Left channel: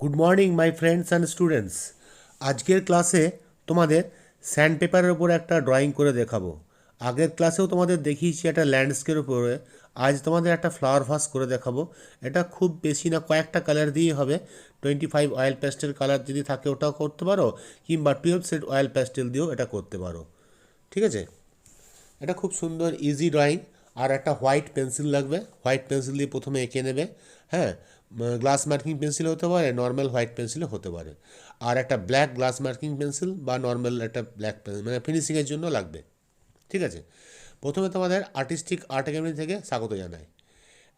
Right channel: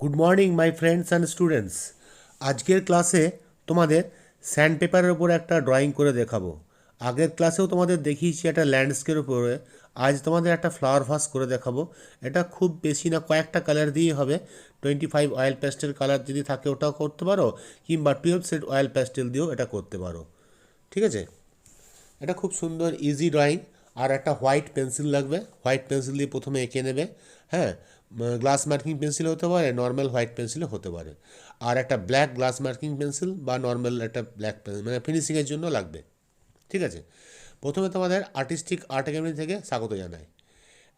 Good morning my friends and students. আজকের ক্লাসে তোমাদের স্যান্ডপেপারের উপরে একটা ড্রয়িং করে দেখাবো। আগের ক্লাসেও তোমাদের দেখিয়েছি একটা ল্যান্ডস্কেপের উপরে। আজ তোমাদের একটা ফ্লাওয়ার ভাস করে দেখাবো। এটা খুব বেশি না, কয়েকটা কালার দিয়ে হবে। 25 অয়েল প্যাস্টেল কালার যদি থাকে ওটাও করতে পারো, কিংবা 12 সেট অয়েল প্যাস্টেল দিয়েও এটা করতে পারো। ঠিক আছে, এটা খুব সুন্দর ইজি ড্রয়িং। আর একটা হোয়াইট পেন্সিল লাগবে, হোয়াইট পেন্সিল দিয়ে প্রথমে এঁকে নেবে। হ্যাঁ, গ্লাস মার্কিং পেন্সিল হতে পারে, নর্মাল হোয়াইট পেন্সিলও হতে পারে। আর একটা ব্ল্যাক গ্লাস মার্কিং পেন্সিল বা নর্মাল একটা ব্ল্যাক পেন্সিল, মানে ফিনিশিংয়ের জন্য লাগবে। ঠিক আছে, প্রথমে তোমাদের আর্টিস্টিক আর্ট একাডেমি থেকে স্বাগত জানাই।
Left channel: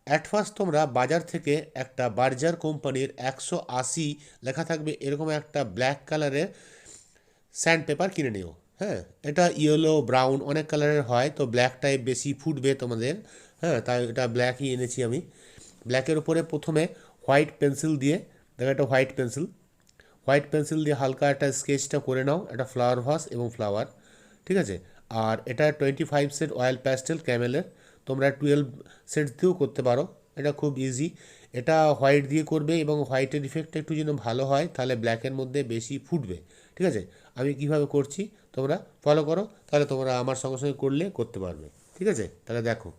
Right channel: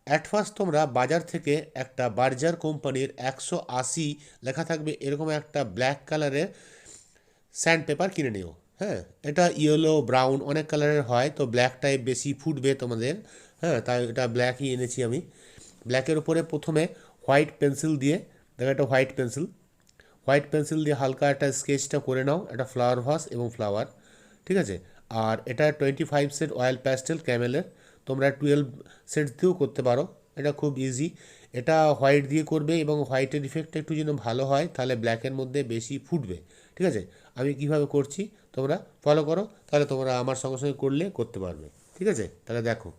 অ্যাট ফার্স্ট তোমরা বাজার থেকে একটা বার্জার কোম্পানির 180 লেখা থাকবে এরকম একটা ব্ল্যাক কালারের স্যান্ড পেপার কিনে নিও। হ্যাঁ, এটা ইয়েলো ব্রাউন অনেক কালারের হয়, তো ব্ল্যাকটাই বেশি ফুটবে তোমাদের। হ্যাঁ, তাই এটা ব্ল্যাকই এনেছি আমি। ব্ল্যাকের উপরে প্রথমে হোয়াইট পেন্সিল দিয়ে, দেখো একটা হোয়াইট পেন্সিল, হোয়াইট পেন্সিল দিয়ে হালকা একটা স্কেচটা করে নাও, একটা ফ্লাওয়ার ভাস এবং ফ্লাওয়ার। ঠিক আছে, আর এটা 25 সেট অয়েল প্যাস্টেল ক্যামেলের, তোমরা 12 সেট দিয়েও করতে পারো। এটা খুব ইজি। এটা হোয়াইট দিয়ে করবে এবং হোয়াইটের ইফেক্টটা একটু যেন ভালো হয়, তাহলে ব্ল্যাকের মধ্যে বেশি ফুটবে। ঠিক আছে, আমি কিভাবে করছি তোমরা ফলো করো, তাহলে তোমরা আমার সঙ্গে সঙ্গে করলে করতে পারবে। ঠিক আছে, তাহলে দেখো।